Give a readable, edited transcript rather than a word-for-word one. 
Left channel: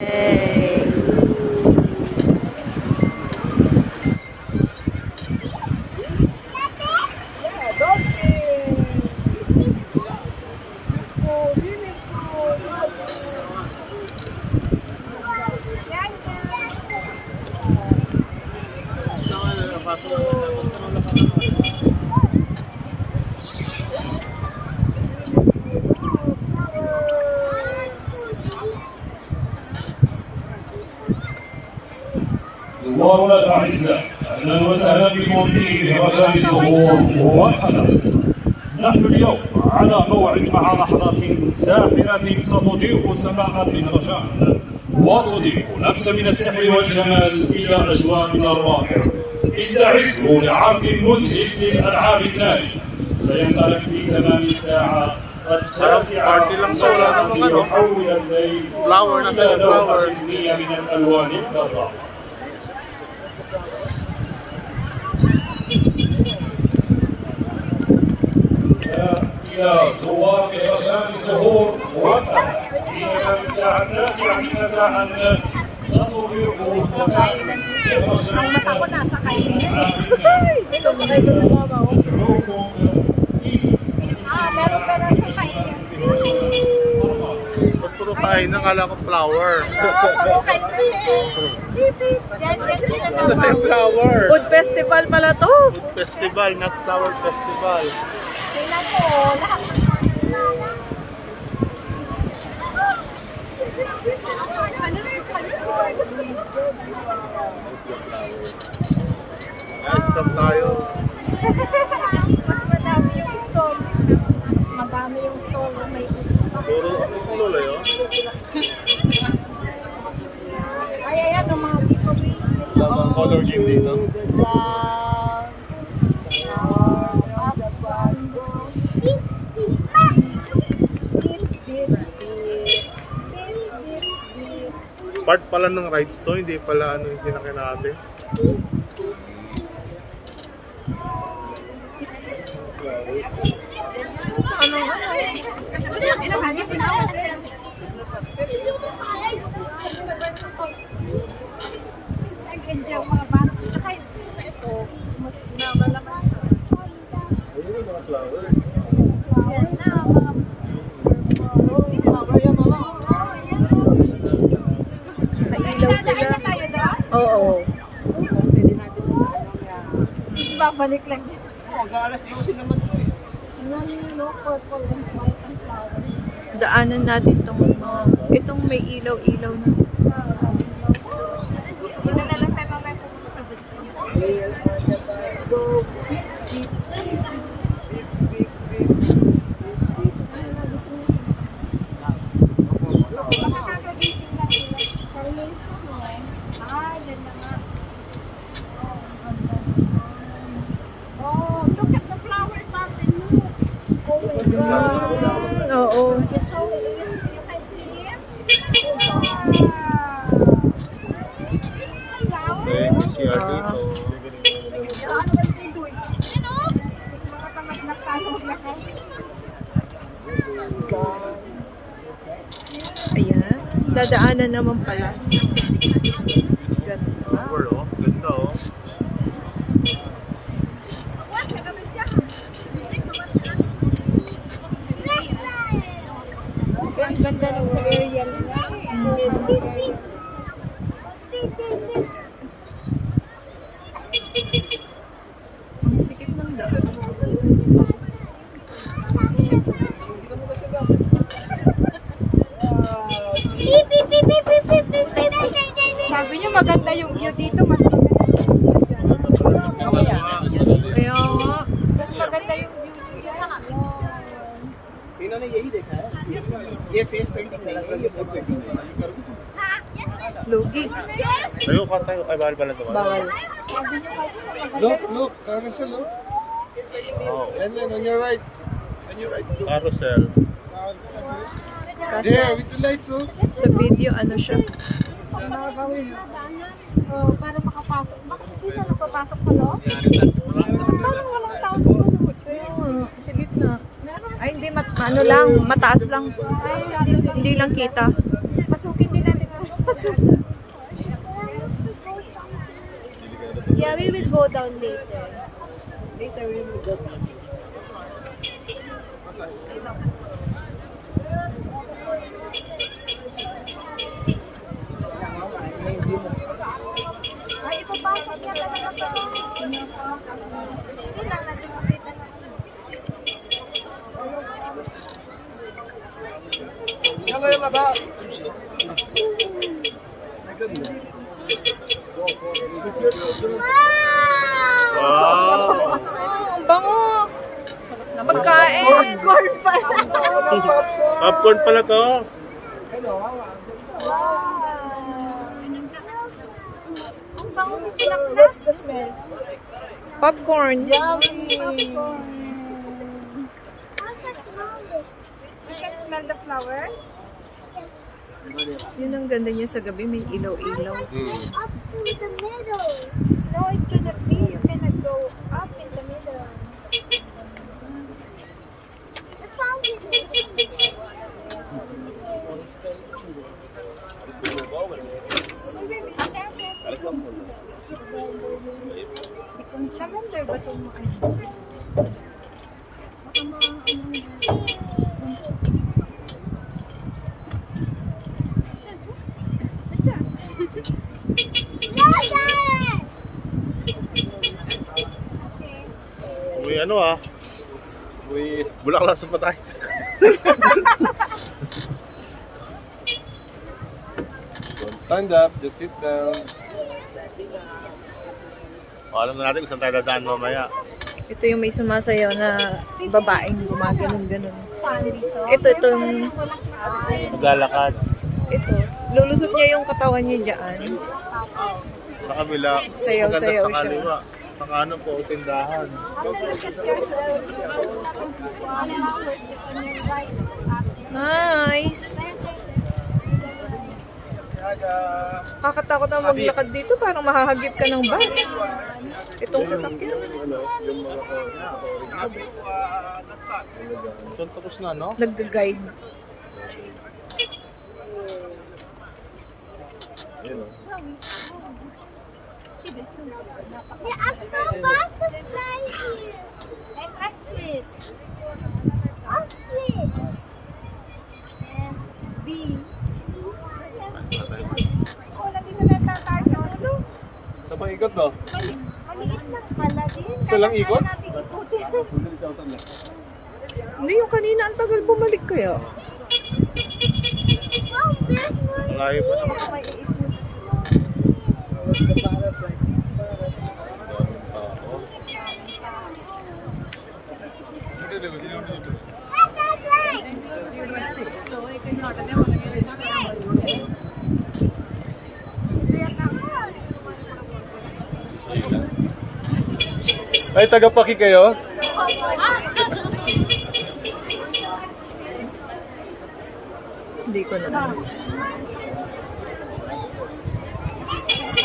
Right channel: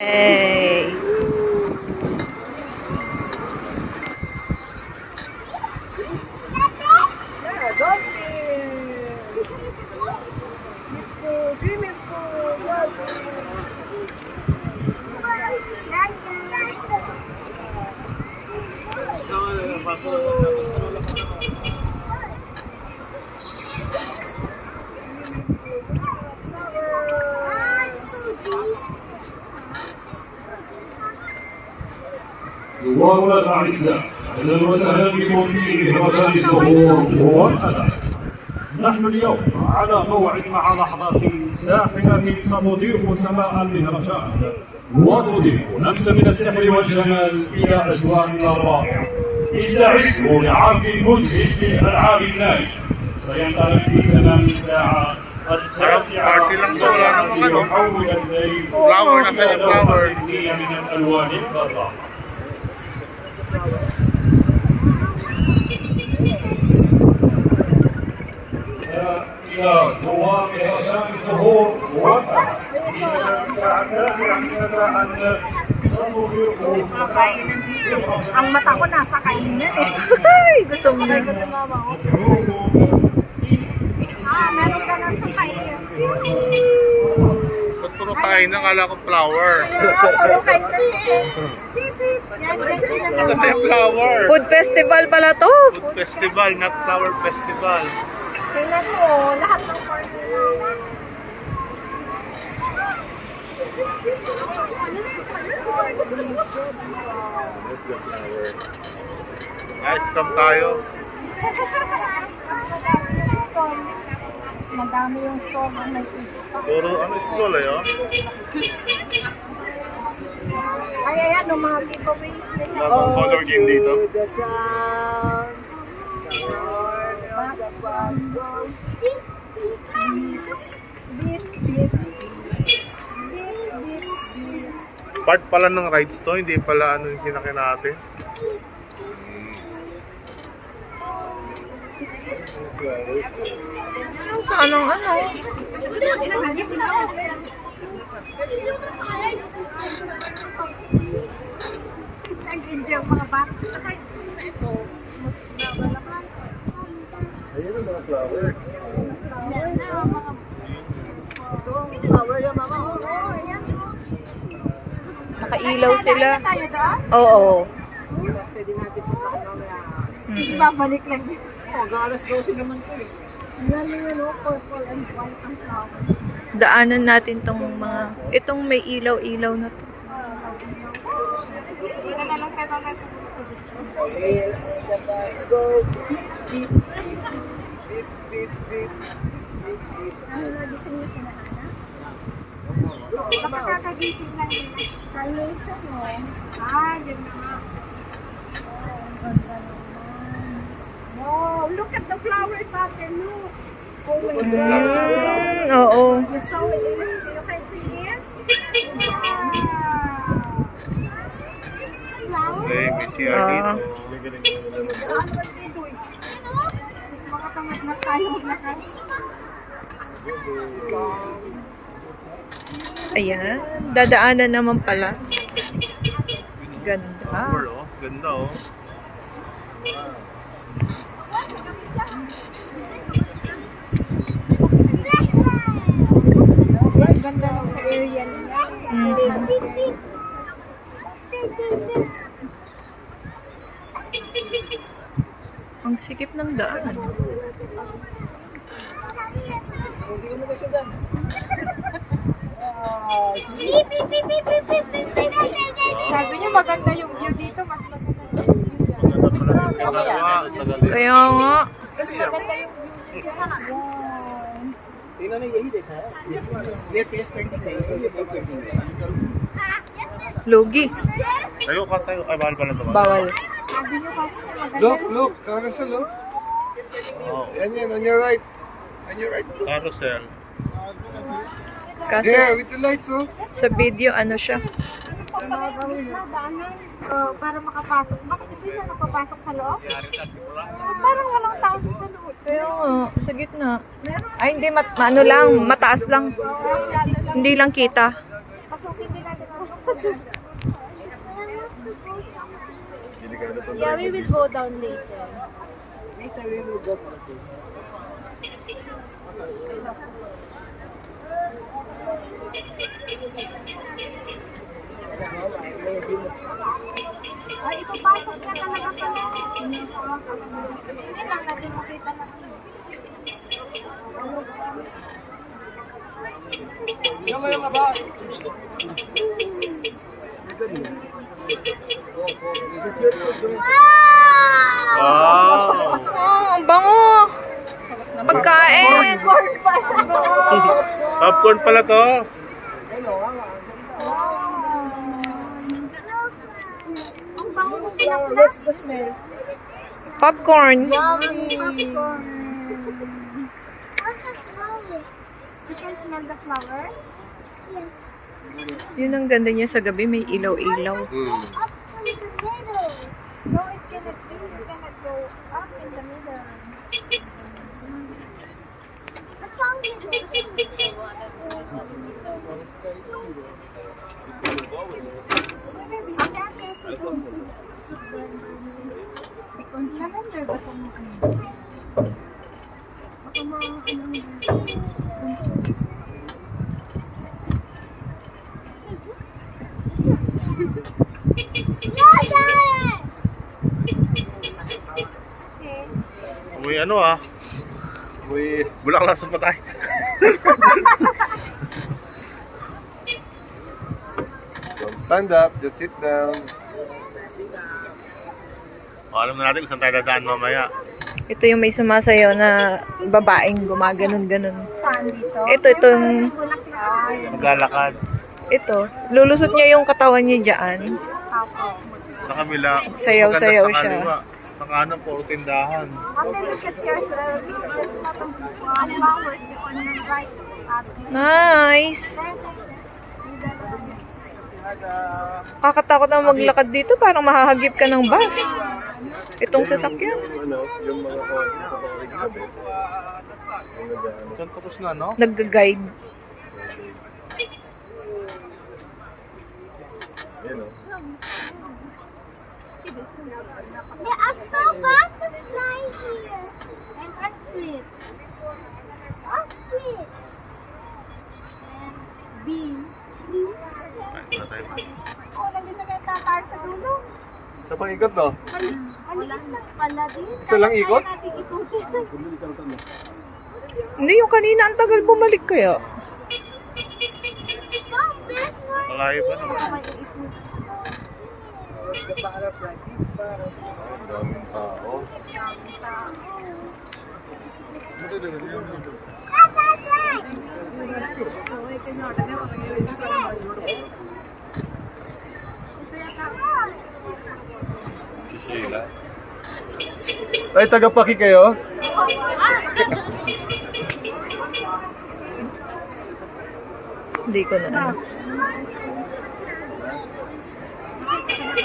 Hey. زوارنا الأعزاء، أهلا وسهلا بكم في مهرجان الزهور ومرحبا. نحن اليوم على موعد مع لحظات ساحرة ستضيء سماء المهرجان وتضيف لمسة من السحر والجمال إلى أجواءنا الرائعة. استعدوا لعرض مذهل للألعاب النارية سينطلق في تمام الساعة التاسعة ليحول الليل إلى لوحة من الألوان الضراء. إلى زوار مهرجان الزهور موفقة في الساعة 9 مساء ستضيء Kainan dito. Ang mata ko nasa kainan eh. Ito, sakay ko din mama ko. Meron ka lang sa kainan. Ba't puro kainan? Kala ko flower. Puro kainan eh. Yan sila Ano naman. yung flower? Food festival pala to. Food festival, not flower festival. Tingnan mo, lahat ng corner. Ice cream tayo. Mas madami yung stall. Mas madami yung stall na may Puro ano school eh, oh. ay, ayan, yung mga giveaways nila. Color game dito. Part pala ng rides to, hindi pala ano yung kinakita natin. Sa anong ano? Ang ganda yung mga bata. Saka ito, mas nabalaki. Ayun ang mga flowers. Yan na, mga flower yung mga Nakailaw sila. tayo doon? Oo. Babalik lang dito. Mag-aalas 12 naman ito eh. Yan yung purple and white ang flower. Daanan natin tong mga... Itong may ilaw-ilaw na. Wala na lang tayo mamaya pupunta dito. Here on the bus go. Beep, beep, beep, beep, beep. Ano na, gising niya sila? Baka kakagising lang nila. Tayo isa mo. Yun na nga. Oh, look at the flowers natin. Look. Oh my God. Oo. You saw it. You can see it. Wow. Okay, may CR dito. Ano ba ito doon? Mga tamad na tayo maglakad. Ayan. Dadaanan naman pala. Ganda. Flower, oh. Ganda, oh. Ganda nung sa area nila. Ang sikip ng daan. Sabi niyo maganda yung view dito, mas maganda yung view dyan. Kaya nga. Mas maganda yung view dyan. Wow. इन्होंने यही देखा है ये face paint का सही Lugi. Tayo ka tayo. Ay, bawal pala ito. Bawal. Sabi niyo kasi maganda. look carousel look Oh. yan on your right look. Carousel. Kasi There with the lights oh. sa video ano siya. Para makapasok. Bakit hindi siya nakapasok sa loob? Parang walang tao sa loob. Kaya nga, sa gitna. Ay, hindi, ano lang, mataas lang. Hindi lang kita. Pasukin din natin. Yeah, we will go down later. Later we will go back. Ay, ipapasok niya talaga pala. Hindi lang natin makita na. Yung kayo mabas. Wow! Oh, ang bango. Na pagkain. Corn pa. Popcorn pala to. Ang bango mo Yeah, what's the smell? Popcorn. Yummy! You can smell the flowers? Yun ang ganda niya sa gabi. May ilaw-ilaw. Up to the middle. No, it cannot be. You cannot go up in the middle. I found it. Lavender ba itong ano? Baka Uy, ano ah? Uy, bulaklak sa patay. Don't stand up, just sit down. Alam na natin kung saan tayo dadaan mamaya. Ito yung may sumasayaw na babaeng gumaganon-ganon. Saan dito? Itong, Maglalakad. ito. Lulusot niya yung katawan niya dyan. Sa kabila. Sayaw-sayaw maganda sa siya. kaliwa. Sa kanan po, tindahan. Ate, look at yourself. Flowers on your right. Nice. Kakatakot na maglakad dito. Parang mahahagip ka ng bus. Itong sasakyan. Yung mga original. Saan tapos na, no? Nag-guide. Yan o. Yeah, I'm so butterfly here. And ostrich. Ostrich. And bee. Oh, nandito na tayo sa dulo. Sa pang ikot, no? Maliit lang pala din. Isa lang ikot? Kaya natin ikutin. Hindi, yung kanina ang tagal bumalik kaya. Oh, this one. Malayo pa naman. Baka may iikot. Daming tao. Si Sheila. Ay, taga-paki kayo? Hindi ko na ano.